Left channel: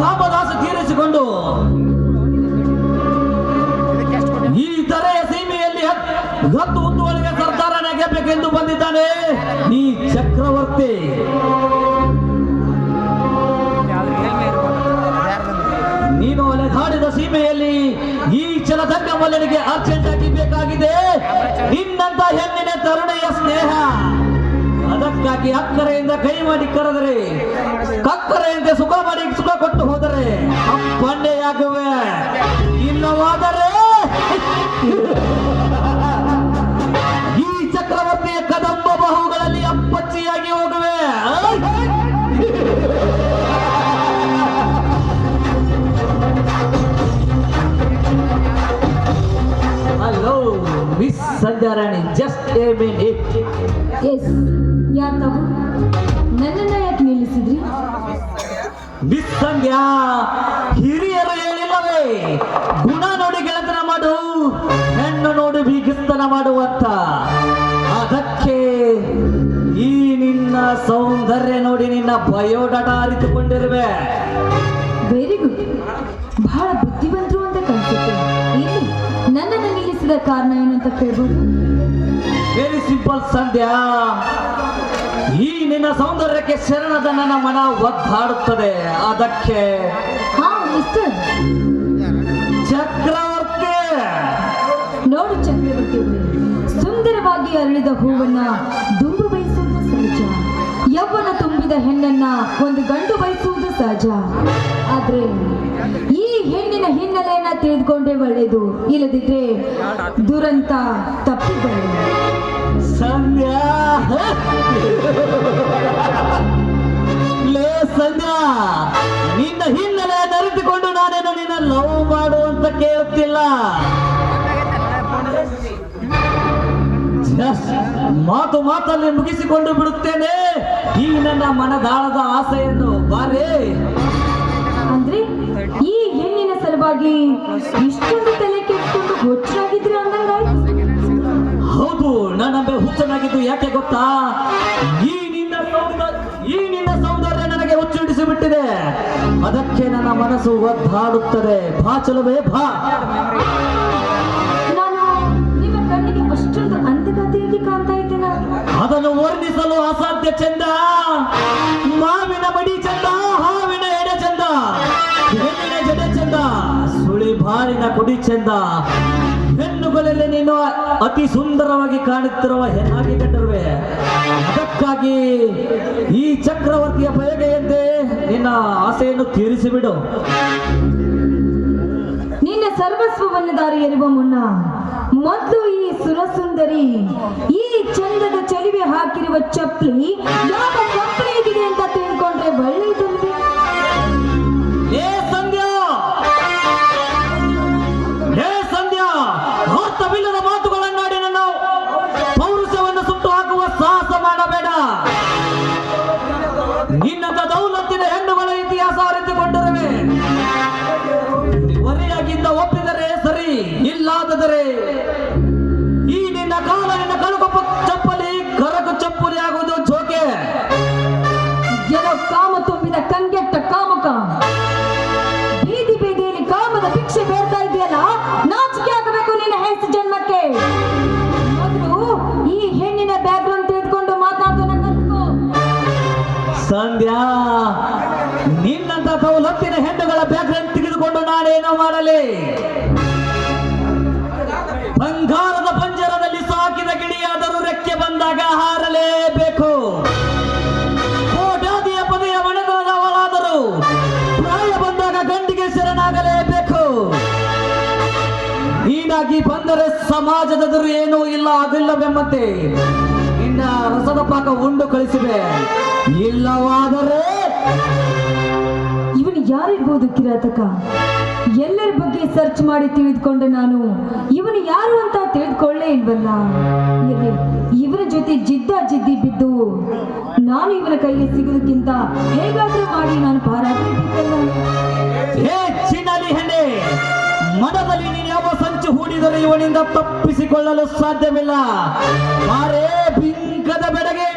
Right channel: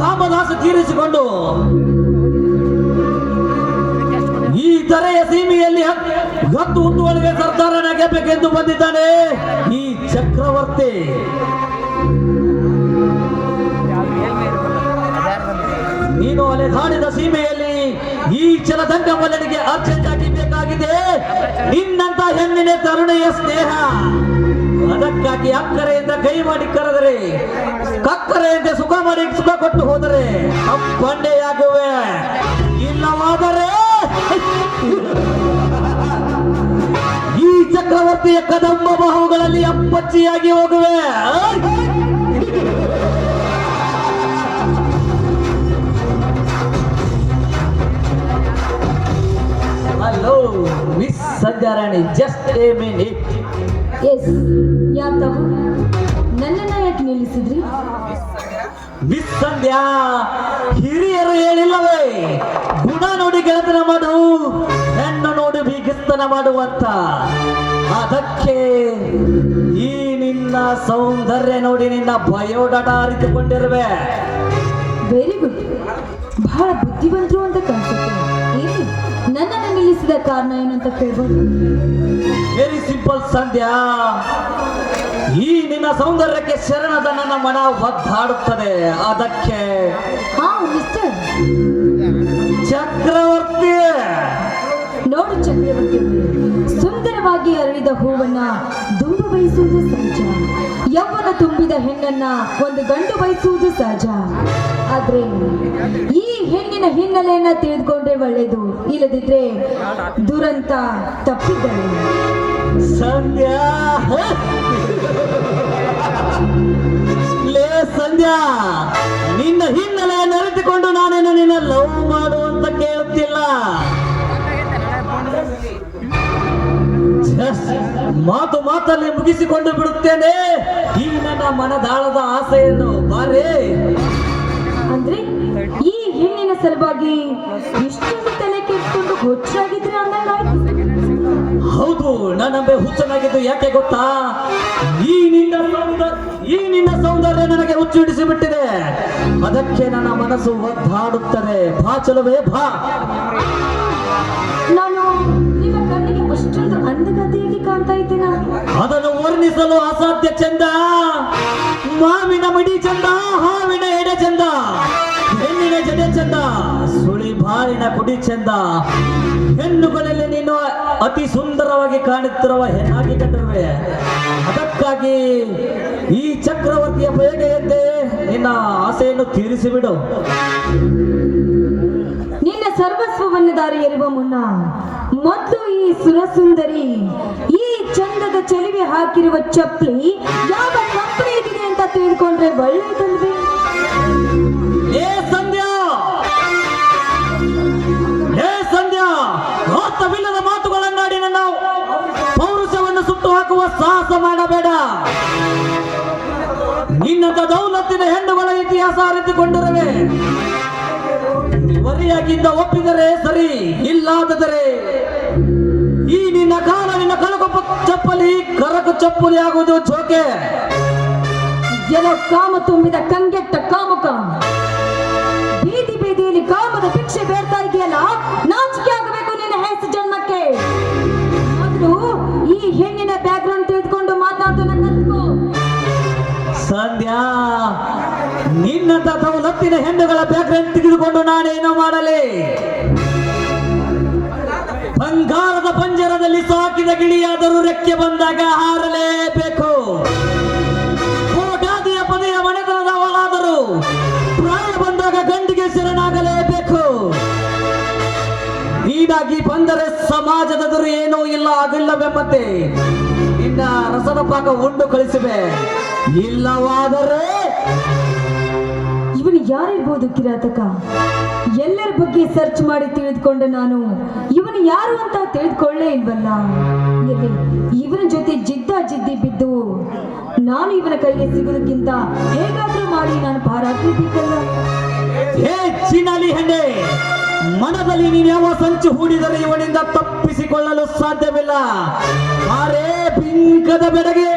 ಕಾಮದಾಸ ತೀರಿಸಿಕೊಂಡು ಸಂಧ್ಯಾ ಹಿರಿಯರು ಹೇಳಿಲ್ಲವೇ ಗುಣ ನೋಡಿ ಗೆಳೆತನ ಮಾಡವು ಹೆಣ್ಣು ನೋಡಿ ಬೀಗಿಸ್ತನ ಮಾಡುವಂತ. ಅದಕ್ಕೆ ಈ ನಿನ್ನ ಸೌಂದರ್ಯ ನೋಡಿ ನಿನ್ನ ಬಯೋಡಾಟ ಅರಿತುಕೊಂಡಿರುವೆ. ವೆರಿ ಗುಡ್ ಬಹಳ ಬುದ್ಧಿವಂತರು ಅಂತ ಕಾಣಿಸುತ್ತೆ. ಏನು? ನನ್ನನ್ನ ನಿಲ್ಲಿಸಿದ ಕಾರಣ ಏನಂತ ಕೇಳ್ಬೋದು? Very simple Sandhya. ಈ ನಿನ್ನ ಸೌಂದರ್ಯಕ್ಕೆ ಶರಣದ ನನ್ನ ಮನ ಒದ್ದಾಡುತ್ತದೆ. ಅದಕ್ಕೆ ಸಹಜ. ಆದ್ರೆ ಈ ಹೆಣ್ಣಿನ ಹಿನ್ನೆಲೆಯನ್ನ ತಿಳಿದುಕೊಂಡ್ರೆ ಒಳ್ಳೇದು. ಇಲ್ಲದಿದ್ರೆ ದುರಂತ ತಪ್ಪಿದ್ದಾರೆ ಸಂಧ್ಯಾ ಸಂಧ್ಯಾ, ನಿನ್ನ ಹಿನ್ನೆಲೆ ಅರಿತುಕೊಂಡು ನಾನೇನು ನಿನ್ನ ಲವ್ ಮಾಡು ಅಂತ ಕೇಳುತ್ತಿಲ್ಲ? ಮಾತು ಮಾತಲ್ಲಿ ಮುಗಿಸಿಕೊಂಡು ಬಿಡುತ್ತೇನೆ. ಮನದಾಳದ ಆಸೆಯನ್ನು ಬಾರೇ. ಅಂದ್ರೆ ಈ ಹೆಣ್ಣಿನ ಸಲುವಾಗಿ ಇಷ್ಟೊಂದು ತಲೆ ಕೆಟ್ಟು ಹುಚ್ಚಾಗಿದ್ರೆ ಹೌದು ನನ್ನಂಬೆ ಹುಚ್ಚನಾಗಿದ್ದು ಯಾಕೆ ಗೊತ್ತಾ? ಈ ನಿನ್ನ ಈ ನಿನ್ನ ಸೌಂದರ್ಯ ನನಗೆ ಹುಚ್ಚಿಡಿಸಿ ಬಿಟ್ಟಿದೆ. ಅದಕ್ಕೆ ನನ್ನ ಮನಸ್ಸು ಒದ್ದಾಡುತ್ತದೆ. ಭಾ ಚಲವೇ ಭಾ ಬಾರಿನ ಕುಡಿ ಚಂದ. ಹೆಣ್ಣುಗಳಲ್ಲಿ ನೀನು ಅತಿ ಸುಂದರವಾಗಿ ಕಾಣುತ್ತಿರುವ ಹೆಣ್ಣಾಗಿ ಕಂಡರುವೆ. ಅದಕ್ಕಾಗಿ ಈ ಚಕ್ರವರ್ತಿಯ ಬಯಗೆಯಂತೆ ನಿನ್ನ ಆಸೆಯನ್ನು ತೀರಿಸಿಬಿಡು. ನಿನ್ನ ಸರ್ವಸ್ವವನ್ನು ದಾರಿ ಎರುವ ಮುನ್ನ ಮೊದಲು ಈ ಸುರಸುಂದರಿ, ಈ ಚಂದದ ಚೆಲುವೆ ಹಾಕಿರುವ ಚಪ್ಪಲಿ ಯಾವ ಚಪ್ಪಲಿಗಿದೆ ಅಂತ ತಿಳ್ಕೊಂಡ್ರೆ ಒಳ್ಳೆಯದಲ್ವೇ ಕಳಿಸಿದೆ. ಇಲ್ಲವಾದರೆ ಇವನು ಯಾರಿರ್ಬೋದು ಕಿರಾತಕ? ಎಲ್ಲರ ಬಗ್ಗೆ ಸರ್ಚ್ ಮಾಡಿ ತಿಳಿದುಕೊಂಡೆ ನಾನು. ಇವನು ಯಾರು ಅಂತ ತಿಳಿದುಕೊಳ್ಳೇ ಇಲ್ವಲ್ಲ? ಇವನ ಜೊತೆ ಜಿದ್ದ ಜಿದ್ದಿ ಬಿದ್ದು ನಾನು ಇವನ ಕೈಗೆ ಸಿಗೋದಕ್ಕಿಂತ ಹೇಗಾದ್ರೂ ಮಾಡಿ ನಾನು ಪಾರಾಗ್ತಿದ್ದೀನಲ್ಲ ಹೇ ಚಿನ್ನಲಿ ಹೆಣ್ಣೆ ಮನದಲ್ಲಿ ನೀನು ಯಾವ ಸಂಚು ಹೂಡಿದರೆ ಇವನಿಂದ ತಪ್ಪಿಸಿಕೊಳ್ಳಲು ಸಾಧ್ಯವಿಲ್ಲ. ಬೆಡಗೆ.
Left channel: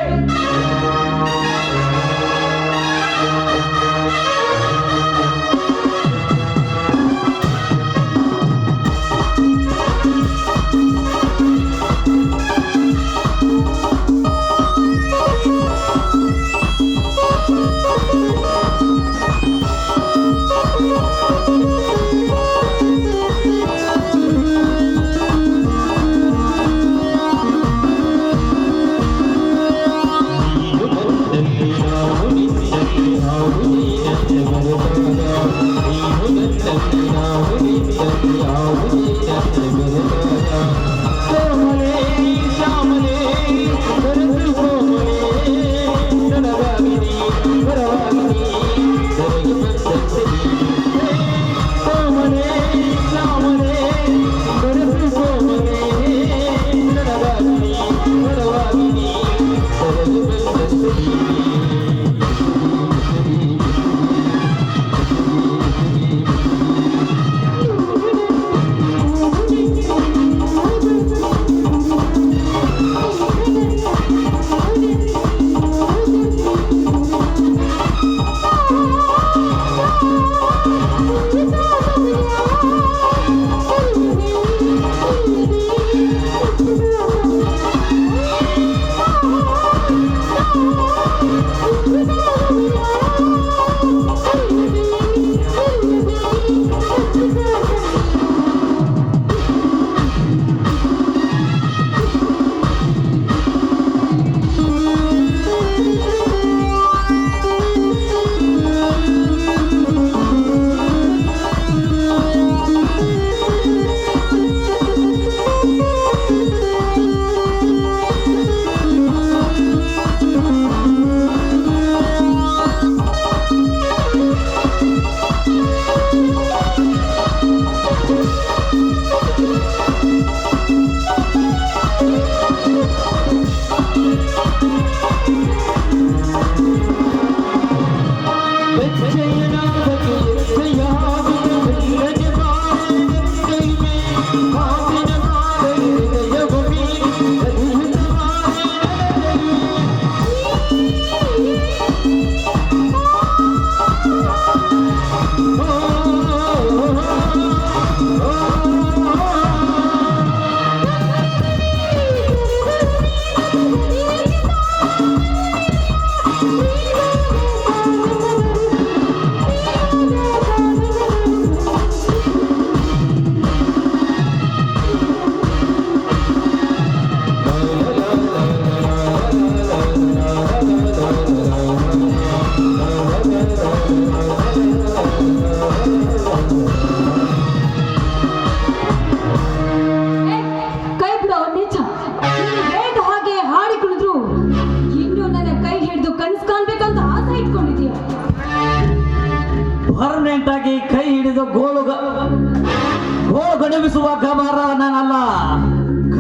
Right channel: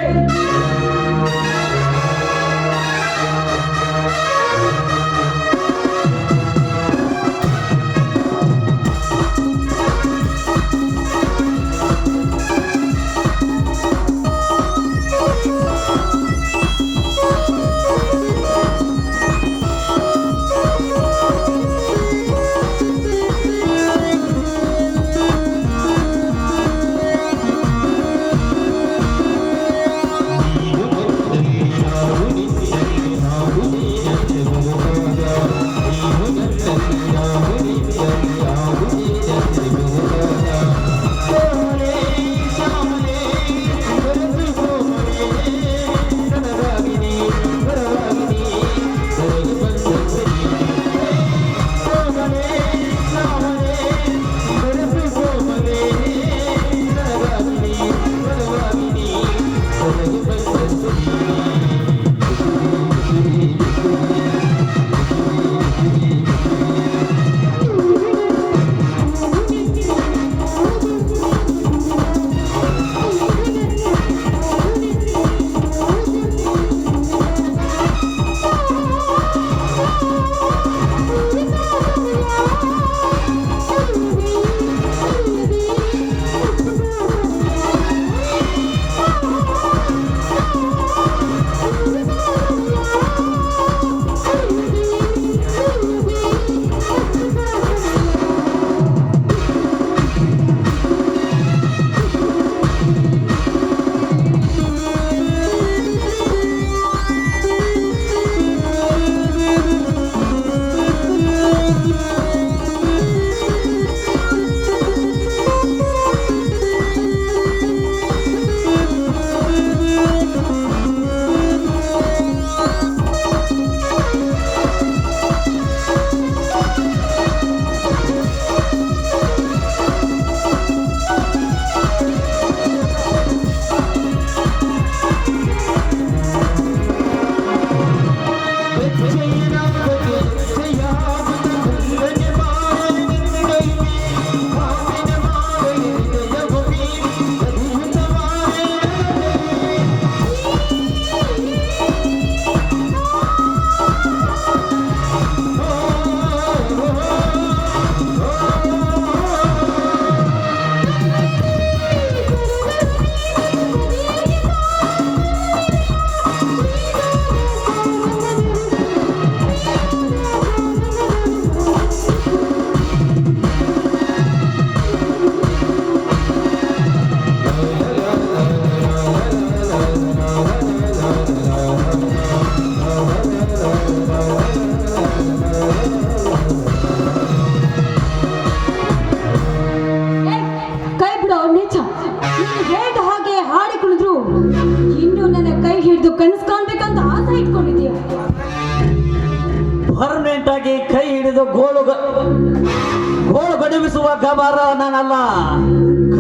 ಗೋಳು ಗಮರ ನನ್ನಲ್ಲ. ನಾನಲ್ಲ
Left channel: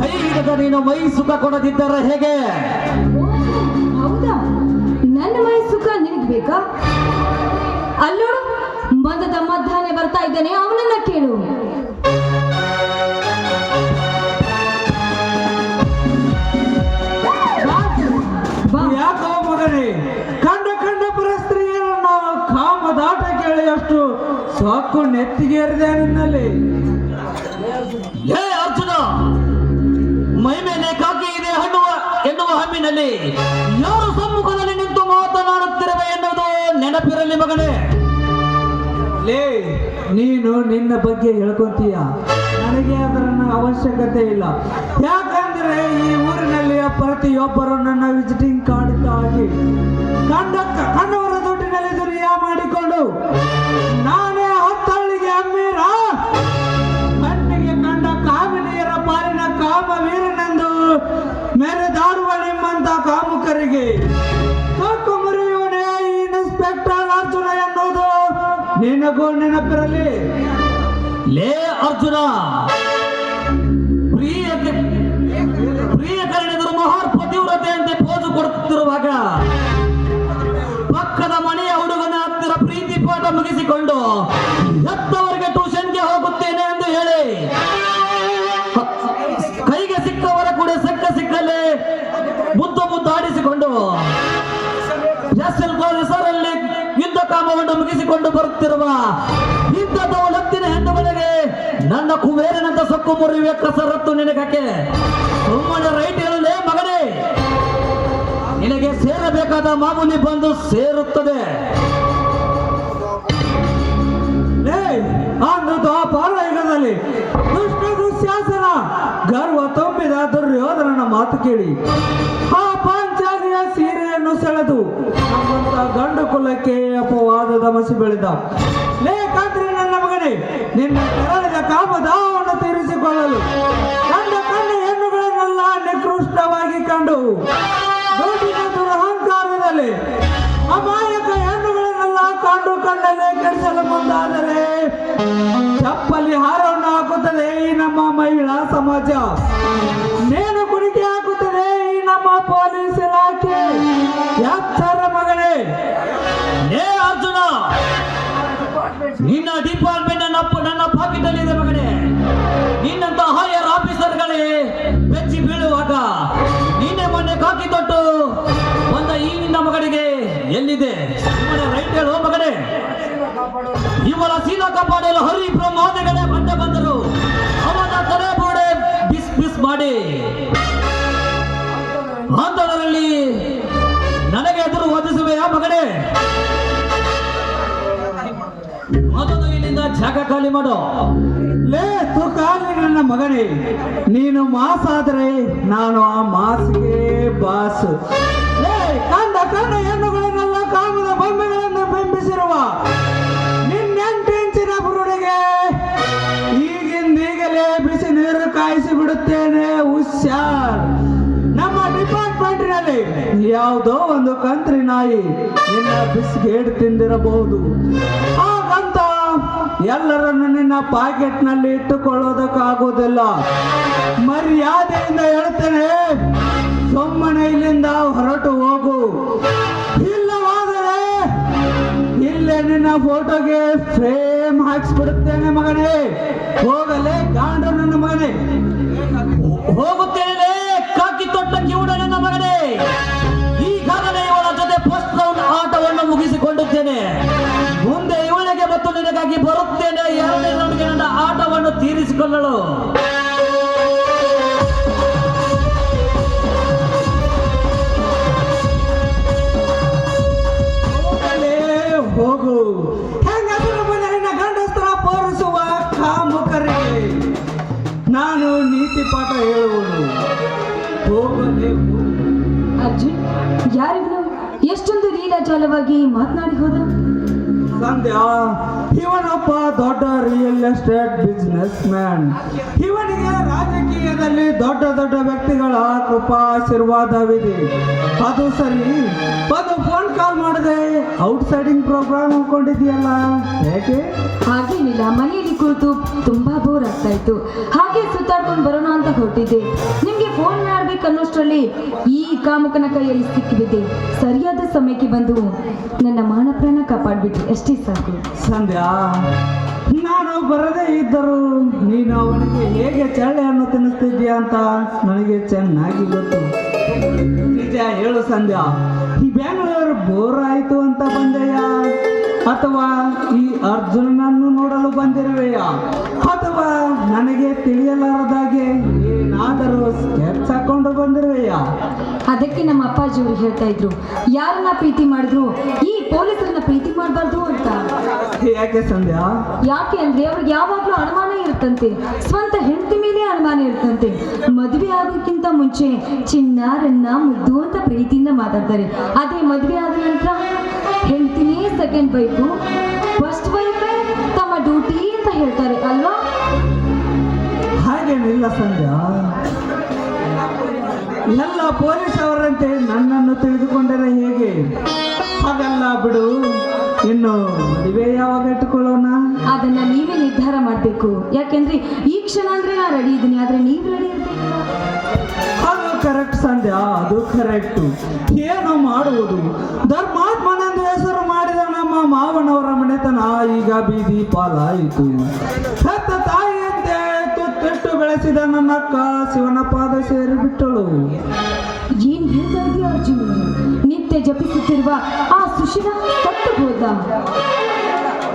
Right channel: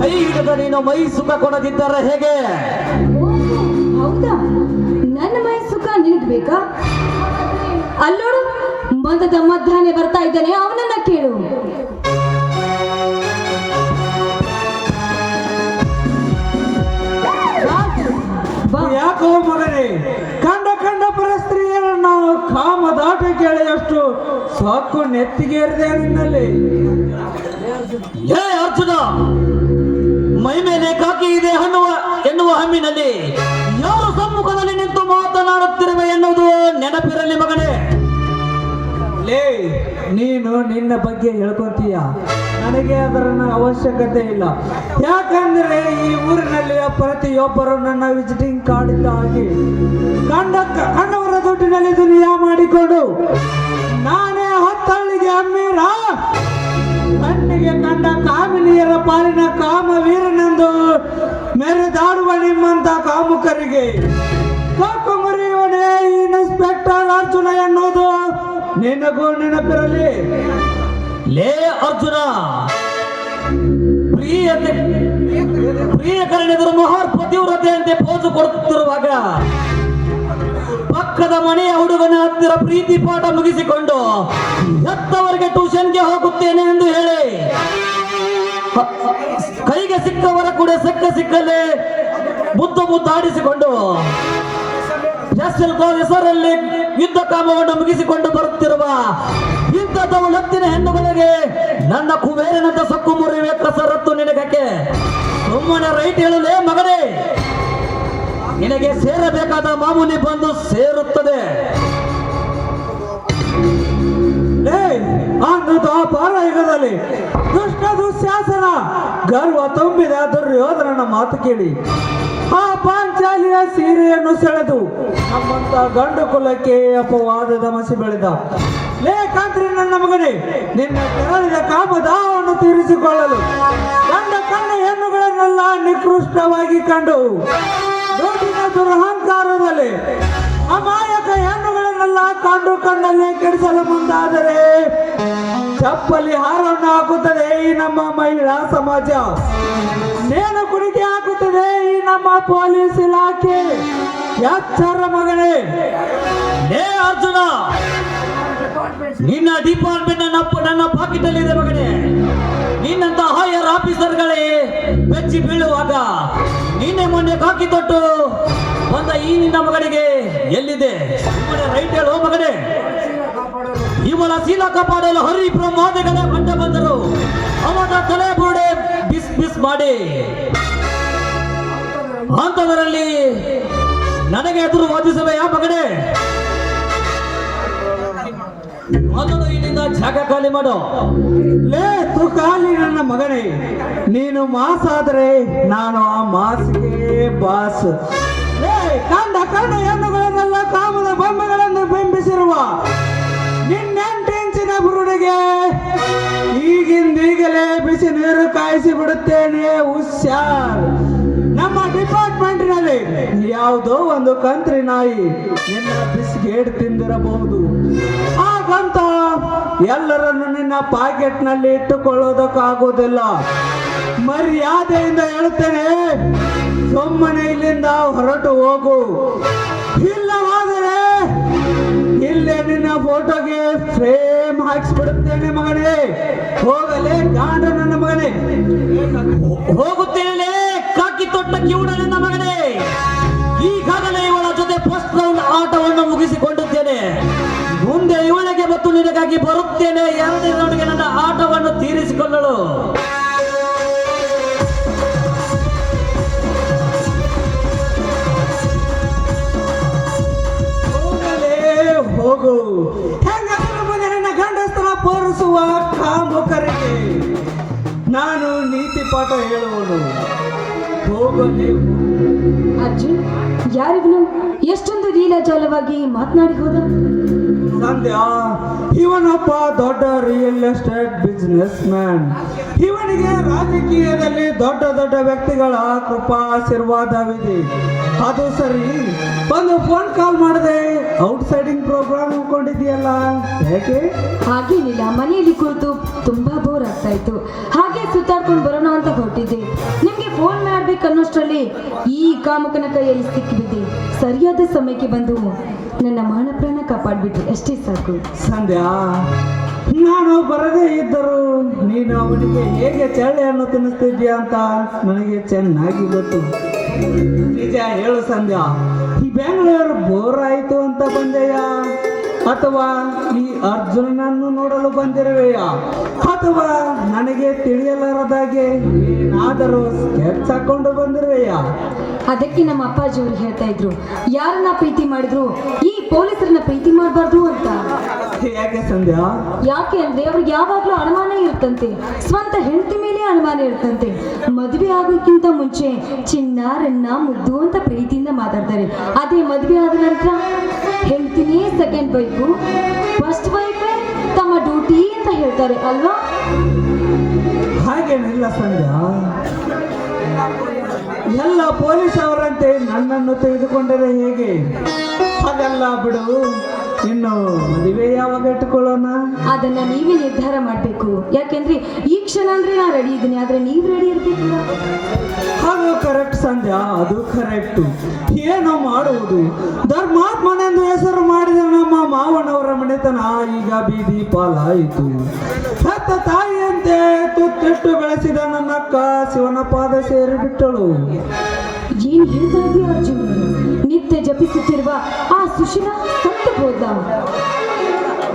ಕೈ ಹಿಡಿದ ನೀನು ಮೈ ಸುಖ ಕೊಡದಿದ್ದರೆ ಹೇಗೆ? ಹೌದಾ? ನನ್ನ ಮೈ ಸುಖ ನಿನಗ್ ಬೇಕಾ? ಅಲ್ಲೋಡು, ಮದದ ಮಧ್ಯಾಹ್ನ ಬರ್ತಾ ಇದ್ದಾನೆ, ಅವನನ್ನ ಕೇಳು. ಮಾಡಿಕೊಂಡು ನಿನಗೆ ಸೇರಬೇಕಾದ ಮಾಮೂಲಿ ಬಂದು ಸೇರುತ್ತದೆ. ಲೇ ಅಂದು ದ್ವಾಪಾರ ಯುಗದಲ್ಲಿ ದುಷ್ಟ ದುಶ್ಯಾಸನ ಗರ್ವ ತುಂಬಿದ ದುರ್ಯೋಧನನ ಮಾತು ಕೇಳಿ. ಆ ಪಾಂಚಾಲಿಯ ಸೀರೆಯನ್ನು ಸೆಳೆದು ನಮ್ಮಂತ ಗಂಡು ಕುಲಕ್ಕೆ ಅಪವಾದದ ಮಸಿ ಬೆಳೆದ. ಲೇ ಕಾತ್ರಿ ನನ್ನ ಮಗನೇ ನಿನ್ನ ಆದ್ರೆ ನಾನು ಆ ಮಾಸ್ಗೆ ಬಾಸ್. ಕಂಡ ಕಂಡ ಹೆಣ್ಣುಗಳನ್ನೆಲ್ಲ ಕಾಮದ ಬೊಂಬೆಗಳನ್ನು ಬಿಂಬಿಸಿರುವ ನಿನ್ನೆಂಟಿಂಚಿನ ಬುರುಡಿಗೆ ಈಗಿಂದೀಗಲೇ ಬಿಸಿ ನೀರು ಕಾಯಿಸಿ ಬಿಡುತ್ತೇನೆ ಹುಷಾರ್ ನಮ್ಮ ಡಿಪಾರ್ಟ್ಮೆಂಟಿನಲ್ಲಿ ಯಾವುದೋ ಒಂದು ಕಂತ್ರಿ ನಾಯಿ ನಿನ್ನ ಬಿಸ್ಗೇಟ್ ತಿಂದಿರಬಹುದು. ಹಾಗಂತ ಎಲ್ಲ ಪಾಕೆಟ್ನಲ್ಲಿ ಇಟ್ಟುಕೊಳ್ಳೋದಕ್ಕಾಗೋದಿಲ್ಲ. ಮರ್ಯಾದೆಯಿಂದ ಹೇಳ್ತೇನೆ, ಸುಮ್ಮನೆ ಇಲ್ಲಿಂದ ಹೊರಟು ಹೋಗು. ಇಲ್ಲವಾದರೆ ಇಲ್ಲೇ ನಿನ್ನ ಫೋಟೋಗೆ ಫ್ರೇಮ್ ಹಾಕ್ಸ್ಬಿಡುತ್ತೇನೆ ಮಗನೇ. ಹೋಗಲೇ ಎಷ್ಟೊಂದು ಲೀಲಾಜಾಲವಾಗಿ ಮಾತನಾಡಿ ಹೋದ? ಸಂಧ್ಯಾ ಇವನೊಬ್ಬ ದೊಡ್ಡ ರಿಯಲ್ ಎಸ್ಟೇಟ್ ಬಿಸ್ನೆಸ್ ಮ್ಯಾನ್ ಇವನಿಗೆ ರಾಜಕೀಯದಲ್ಲಿ ದೊಡ್ಡ ದೊಡ್ಡ ವ್ಯಕ್ತಿಗಳ ಕೃಪಾಶೀರ್ವಾದವಿದೆ ಅದು ಸರಿ. ಒಂದು ಫೋನ್ ಕಾಲ್ ಮಾಡಿದೆ ಔಟ್ಸೈಡಿಂಗ್ ಪ್ರೋಗ್ರಾಮ್ ಹಾಕೊಂಡಿದ್ಯಲ್ಲ ಯಾಕೆ ಹಾಗೇನಿಲ್ಲ ಮನೆಯಲ್ಲಿ ಕೂತು ತುಂಬಾ ಬೋರ್ ಆಗ್ತಾ ಇತ್ತು. ಹಾಗೆ ಸುತ್ತಾಡ್ಕೊಂಡು ಕಾಮಕನ ಕೈಯಲ್ಲಿ ಸಿಕ್ಕಿಬಿದ್ದೆ ಸರಿಯಾದ ಸಮಯಕ್ಕೆ ಬಂದು ನನ್ನ ಮಾನ ಪ್ರಾಣ ಕಾಪಾಡ್ಬಿಟ್ರಿ. ಅಷ್ಟೇ ಸಾಕು. ಸಂಧ್ಯಾ ನಾನು ಬರದೇ ಇದ್ದರೂ ನೀನು ಅವನಿಗೆ ಹೇಗೆ ಚಳ್ಳೆಯನ್ನು ತಿನ್ನಿಸ್ತಿದ್ಯಾ ಅಂತ ನನಗೆ ಚೆನ್ನಾಗಿ ಗೊತ್ತು. ನಿಜ ಹೇಳು ಸಂಧ್ಯಾ, ಈ ಬೆಂಗಳೂರು ಬೋರ್ ಆಯ್ತು ಅಂತ ಬಂದೆಯಾ? ಅಥವಾ ಈ ಅರ್ಜುನನನ್ನು ನೋಡಲು ಬಂದಿರುವೆಯ? ಅಥವಾ ನನಗೆ ತಿಳಿಯಲಾರದಾಗೆ ಏನಾದರೂ ಸ್ಕೆಚ್ ಹಾಕೊಂಡು ಬಂದಿರುವೆಯಾ? ಅದಕ್ಕೆ ನಮ್ಮ ಅಪ್ಪಾಜಿಯವರು ಹೇಳ್ತಾ ಇದ್ರು ಯಾರನ್ನ ಪ್ರೀತಿ ಮಾಡಿದ್ರು? ಈ ಪೊಲೀಸರನ್ನ ಪ್ರೀತಿ ಮಾಡಬಾರ್ದು ಅಂತ. ಯಾಕೆ ಸಂಧ್ಯಾ? ಯಾಕೆ ಅಂದ್ರೆ ಅವ್ರಿಗೆ ಯಾವಾಗ್ಲೂ ಅನುಮಾನ ಇರುತ್ತಂತೆ ಸ್ವಂತ ಹೆಂಡತಿ ಮೇಲೆ ಅನುಮಾನ ಇರುತ್ತಂತೆ. ಮದುವೆ ಆಗೋಕ್ಕಿಂತ ಮುಂಚೆ ಚಿನ್ನ ರನ್ನ ಮುದ್ದು ಅಂತ ಪ್ರೀತಿಯಿಂದ ಮಾತಾಡ್ತಾರೆ. ಅದೇ ಮದುವೆ ಆದ ನಂತರ ಹೆಂಡತಿನೇ ಸೆಕೆಂಡ್ ವೈಫು ಫಸ್ಟ್ ಬೈಟೆ ತಮ್ಮ ಡ್ಯೂಟಿ ಅಂತ ಹೇಳ್ತಾರೆ ಅಲ್ವಾ? ಹಾಗೇನಿಲ್ಲ ಸಂಜ ಎಲ್ಲ ಪೊಲೀಸ್ ಅವರಂತೆ ನನ್ನನ್ನು ತೆಗೆದುಕೊಂಡರೆ ಹೇಗೆ? ಹಾಗಲ್ಲ ಬಿಡು. ಇನ್ನು ನೀವೇ ಯಾವಾಗ ಇಟ್ಟುಕೊಳ್ಳೋಣ? ಅದನ್ನ ನೀವೇ ನಿರ್ಧಾರ ಮಾಡಬೇಕು. ಯಾಕೆಂದ್ರೆ ಈ ಕ್ಷಣ ಅಂದ್ರೆ ನಾ ರೆಡಿ ಇದ್ದೀನಿ ಆದ್ರೆ ನೀವು ರೆಡಿ ಇರ್ಬೇಕು. ಅದು ಕರೆಕ್ಟ್ ಸಂಧ್ಯಾ ಅದು ಕರೆಕ್ಟ್ ಏನು ಮಾಡುವುದು. ಧರ್ಮಾತ್ಮನೆಂದು ಹೆಸರು ಮಾಡಿದ ನಮ್ಮ ಮಾವನವರ ಮನೆತನ ಈಗ ಬೀದಿ ಪಾಲಾಯಿತು. ಸತ್ತ ತಾಯಿಯಂತೆ ತುತ್ತಿಟ್ಟು ಬೆಳೆಸಿದ ನನ್ನ ಅಕ್ಕ ಶಿವನ ಪಾದ ಸೇರಿ ಬಿಟ್ಟಳು ಹೇಳ್ತಾ ಇದೀಯ ಅರ್ಜುನ್? ನಿತ್ಯ ಜಪಿಸುತ್ತಿರುವ ಆ ಸುಶೀಲ ಸತ್ತು ಹೋದ.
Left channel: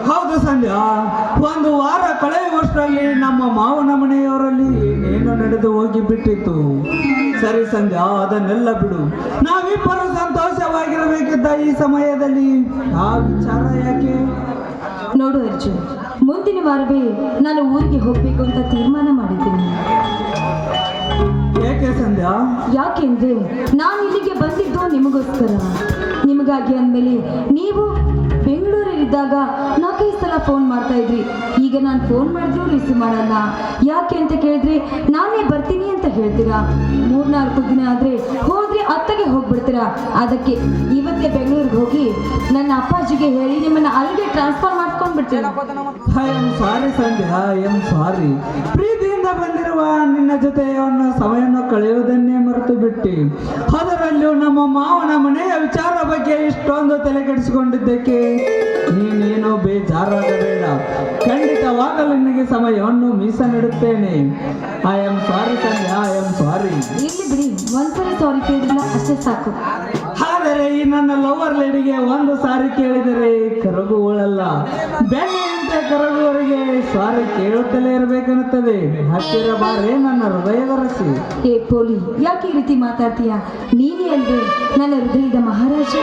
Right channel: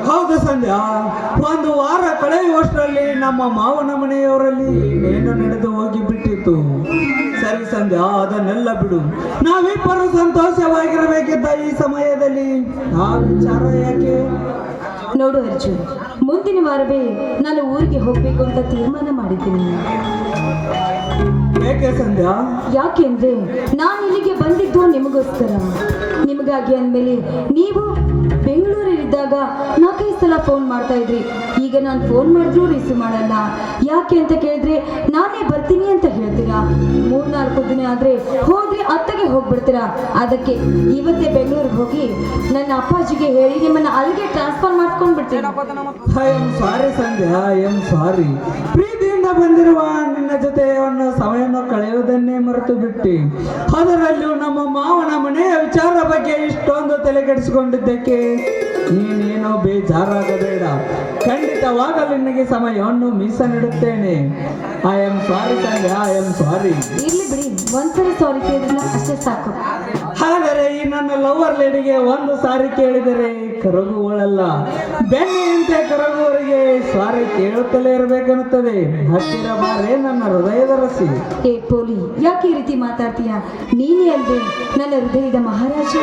ಹೌದು ಸಂಧ್ಯಾ ಒಂದು ವಾರ ಕಳೆಯುವಷ್ಟರಲ್ಲಿ ನಮ್ಮ ಮಾವನ ಮನೆಯವರಲ್ಲಿ ಏನೇನು ನಡೆದು ಹೋಗಿ ಬಿಟ್ಟಿತ್ತು ಸರಿ ಸಂಧ್ಯಾ ಅದನ್ನೆಲ್ಲ ಬಿಡು. ನಾವಿಬ್ಬರು ಸಂತೋಷವಾಗಿರಬೇಕಿದ್ದ ಈ ಸಮಯದಲ್ಲಿ ಆ ವಿಚಾರ ಯಾಕೆ? ನೋಡು ಅರ್ಜುನ್ ಮುಂದಿನ ವಾರವೇ ನಾನು ಊರಿಗೆ ಹೋಗ್ಬೇಕು ಅಂತ ತೀರ್ಮಾನ ಮಾಡಿದ್ದೀನಿ. ಯಾಕೆ ಅಂದ್ರೆ ಯಾಕೆಂದ್ರೆ ನಾನು ಇಲ್ಲಿಗೆ ಬಂದಿದ್ದು ನಿಮಗೋಸ್ಕರ. ನಿಮಗಾಗಿ ಅಂದಮೇಲೆ ನೀವು ಬೆಂಗಳೂರಲ್ಲಿದ್ದಾಗ ನಾಲ್ಕೈದು ಸಲ ಫೋನ್ ಮಾಡ್ತಾ ಇದ್ರಿ. ಈಗ ನಾನು ಫೋನ್ ಮಾಡಿದ್ರು ರಿಸೀವ್ ಮಾಡಲ್ಲ. ಯಾಕೆ ಅಂತ ಕೇಳಿದ್ರೆ, ನಾನೇ ಬರ್ತೀನಿ ಅಂತ ಹೇಳ್ತೀರಾ? ಮೂರ್ನಾಲ್ಕು ದಿನ ಆದ್ರೆ ಹೋದ್ರೆ ಅತ್ತಗೆ ಹೋಗ್ಬಿಡ್ತೀರಾ? ಅದಕ್ಕೆ ಇವತ್ತೇ ಬೆಂಗಳೂರಿಗೆ ಹೋಗಿ ನನ್ನ ಅಪ್ಪಾಜಿಗೆ ಹೇಳಿ ನಿಮ್ಮನ್ನ ಅಲ್ಲಿಗೆ ಟ್ರಾನ್ಸ್ಫರ್ ಮಾಡ್ಕೊಂಡು ಸಾರಿ ಪ್ರೀತಿಯಿಂದ ಬಂದಿರುವ ನಿನ್ನ ಜೊತೆ ಸಮಯವನ್ನು ಕಳೆಯುವುದನ್ನೇ ಮರೆತು ಬಿಟ್ಟಿ. ಅದರಲ್ಲೂ ನಮ್ಮ ಮಾವನ ಮನೆಯ ವಿಚಾರ ಬಗ್ಗೆ ಇಷ್ಟೊಂದು ತಲೆ ಕೆಡಿಸಿಕೊಂಡಿದ್ದಕ್ಕೆ ನೀನೇನು ಬೇಜಾರಾಗಬೇಡ. ಖಂಡಿತವಾಗಲು ನಿನಗೆ ಸಮಯವನ್ನು ಮೀಸಲಿಡುತ್ತೇನೆ. ಐ ಆಮ್ ಸಾರಿ ತಂದೆ ಐ ಆಮ್ ಸಾರಿ ಇಲ್ಲಿ ಬಿಡಿ. ಒಂದ್ಸರಿ ಸಾರಿ ಅಷ್ಟೇ ಸಾಕು. ಆದರೆ ಈ ನನ್ನ ಲವರ್ ಲೇಡಿಗೆ ಒಂದು ಸಾರಿ ಕೇಳಿದರೆ ಕರಗುವಳಲ್ಲ. ಬೆನ್ನಿಯಂತೆ ಕರಗುವವರಿಗೆ ಸಾರಿ ಕೇಳುತ್ತಲೇ ಇರಬೇಕನ್ನುತ್ತದೆ. ಹತ್ತಿರ ಬಾರೇ ನನ್ನ ಹೃದಯದ ರಸಿ. ಏ ಪೋಲಿ ಯಾಕೆ ಈ ರೀತಿ ಮಾತಾಡ್ತೀಯ? ನೀನೇ ಅಲ್ವೇ? ನನ್ನ ಹೃದಯದ ಮಹಾರಾಜ.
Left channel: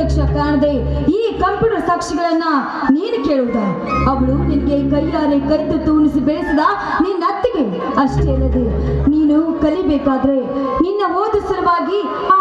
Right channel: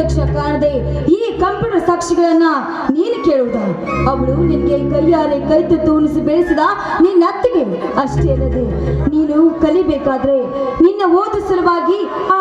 ಪ್ರತ್ಯಕ್ಷ ಕಾಣದೆ ಈ ಕಂಪ್ಯೂಟರ್ ಸಾಕ್ಷಿಗಳನ್ನ ನೀನು ಕೇಳುವುದ? ಅವಳು ನಿನಗೆ ಕೈಯಾರೆ ಕೈ ತೂನಿಸಿ ಬೆಳೆಸಿದ ನಿನ್ನ ಅತ್ತಿಗೆ. ಅಷ್ಟೇ ಅಲ್ಲದೆ ನೀನು ಕಲಿಬೇಕಾದ್ರೆ ನಿನ್ನ ಓದು ಸಲುವಾಗಿ ಆ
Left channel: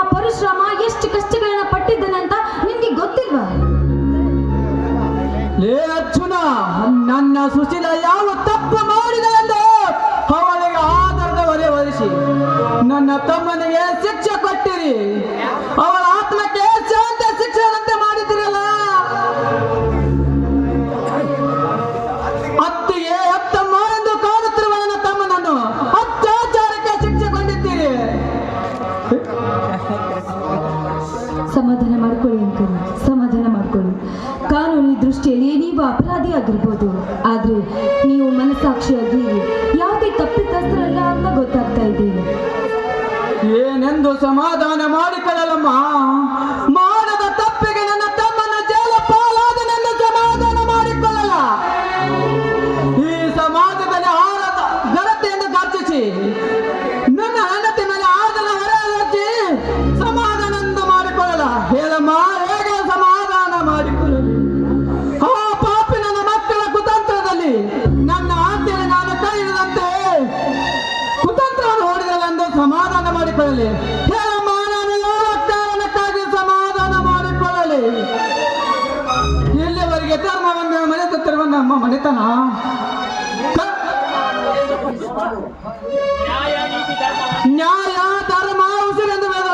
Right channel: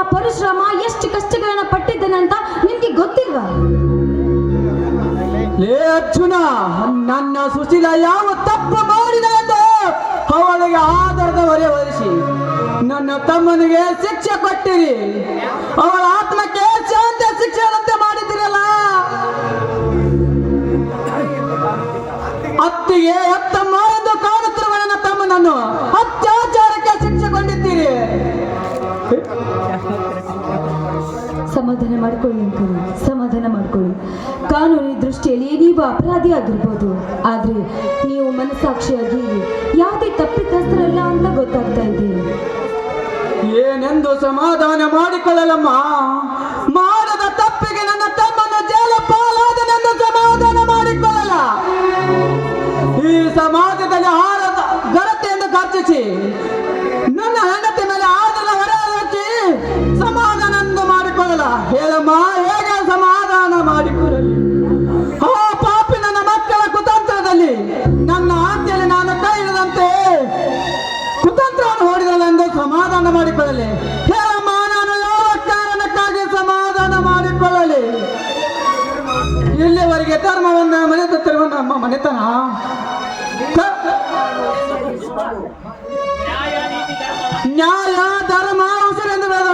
ನ್ಯಾಯ ಧರ್ಮ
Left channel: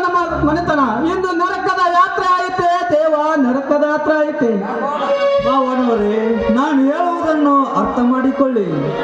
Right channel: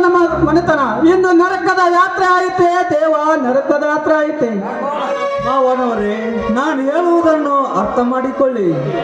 ನಮ್ಮ ಮನೆತನ. ಇನ್ನು ನರಕದ ಯಾತ್ರೆ ಆಯಿತೆ? ದೇವ, ನರಕದ ಯಾತ್ರೆ ಆಯಿತೆ? ಅವನವರೇ ನಾನು ಹೇಳುವುದನ್ನು ಅರ್ಥ ಮಾಡಿಕೊಳ್ಳಿ.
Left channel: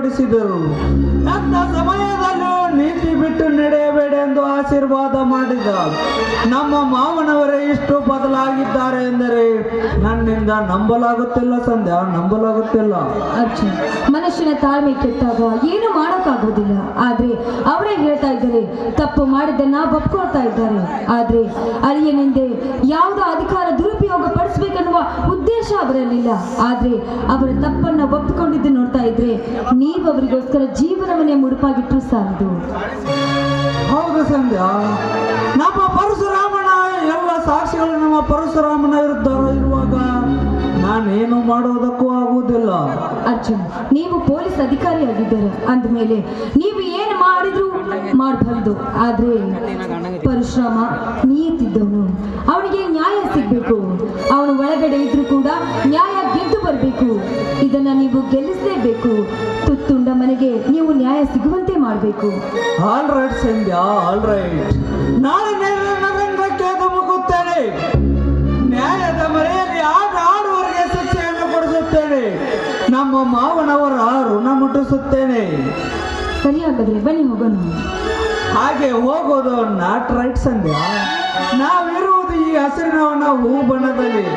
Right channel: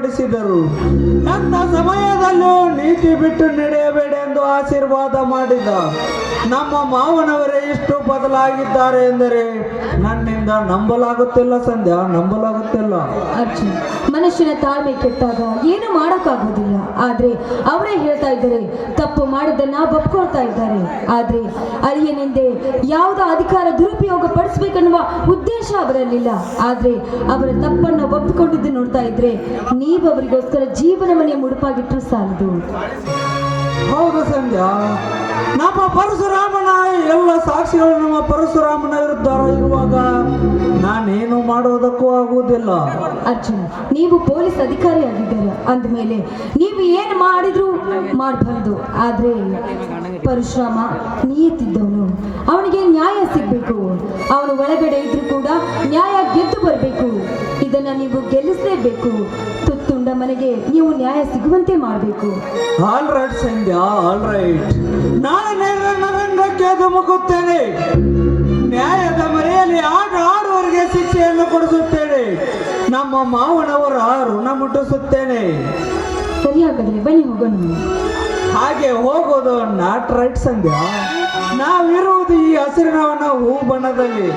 ಕೊಡಿಸಿದರು ನನ್ನ ಸಮಯದಲ್ಲೂ ನೀತಿ ಬಿಟ್ಟು ನಡೆಯಬೇಡೆಂದು ಆಶೀರ್ವಾದ ಮಾಡಿದ ನಮ್ಮ ಮಾವನವರೇ ಎಷ್ಟು ಬದಲಾಗಿದ್ದಾರೆ ಎಂದರೆ ನನ್ನಿಂದ ನಂಬಲಾಗುತ್ತಿಲ್ಲ ಸಂಧ್ಯಾ, ನಂಬಲಾಗುತ್ತಿಲ್ಲ. ಮನುಷ್ಯನ ತಾಳ್ಮೆ ಕೆಟ್ಟಾಗ ಏನು ಮಾಡೋಕ್ಕಾಗೋದಿಲ್ಲ ಆದ್ರೆ ಅವರೇ ಹೇಳ್ತಾ ಇದ್ದಾರೆ, ತಪ್ಪು ಮಾಡಿದ್ದನ್ನ ಒಪ್ಕೊಳ್ತಾ ಇದ್ದಾರೆ. ಆದ್ರೆ ಅಲ್ಲಿಯನೆಂದೇ ಯಾವುದೋ ಅಧಿಕಾರ ದುರುಪಯೋಗ ಪಡಿಸ್ಬೇಕೆನ್ನುವ ಉದ್ದೇಶ ಅವರಲ್ಲಿಲ್ಲ. ಆದ್ರೆ ಅವರ ತಪ್ಪನ್ನ ಒಪ್ಪಿಕೊಂಡಿದ್ದು ನೋಡ್ತಾ ಇದ್ರೆ ನೀವು ಅವರಿಗೋಸ್ಕರ ಜೀವನವನ್ನೇ ಮುಡುಪಾಗಿಟ್ಟರು ಸಾಲದು. ಹೌದು ಸಂಧ್ಯಾ. ನಮ್ಮ ಪರಶುರಾಮನ ಎಲ್ಲ ಸಾಕ್ಷಿಗಳು ನಮ್ಮ ಪರಶುರಾಮನ ವಿರುದ್ಧ ಇರುವಾಗ ನಾನೇನು ಮಾಡೋದಕ್ಕೂ ಆಗುವುದಿಲ್ಲ. ಅರ್ಜುನ್ ನೀವು ಪೊಲೀಸ್ ಅಧಿಕಾರಿ ಆಗಿದ್ದೀರಾ. ಅಂದಮೇಲೆ ನೀವು ಏನು ಮಾಡಿದ್ರು ಮಾಡಬಾರ್ದು. ಆದ್ರೆ ಪರಶುರಾಮ ನೀತಿದ್ದವನು. ಅವನಿಗೆ ನ್ಯಾಯ ಸಿಗ್ಬೇಕು. ಅವನು ಒಳಗಡೆ ಇದನ್ನ ನೀವು ಗೆಲ್ಲಿಸಲೇಬೇಕು. ತುತ್ತುಂಡ ಮನೆಗೆ ನೀವು ನ್ಯಾಯ ಸಿಗುವಂತೆ ಮಾಡಬೇಕು. All right Sandhya all right ನಾಳೆ ನೇರ ನರಂಗಕ್ಕೆ ಧುಮುಕುತ್ತೇನೆ ನ್ಯಾಯದ ಮರೆಯಲ್ಲಿ ಆಟ ಆಡುವವರಿಗೆ ಶಿಕ್ಷೆಯನ್ನು ಕೊಡಿಸುತ್ತೇನೆ. ನಮ್ಮ ಮಾವನವರ ಋಣ ಮುಟ್ಟಿಸುತ್ತೇನೆ. ಸರಿಯಾಗದ್ರೆ ಬನ್ನಿ ಹೋಗೋಣ. ಹಾಗೆ ಹೋಗೋದು ನಾಟ್ ರೈಟ್ ಸಂಧ್ಯಾ ನಾವಿರುವುದು ಈ ಹಸಿರಿನ ಹೂ ಬಣ್ಣದಲ್ಲಿ.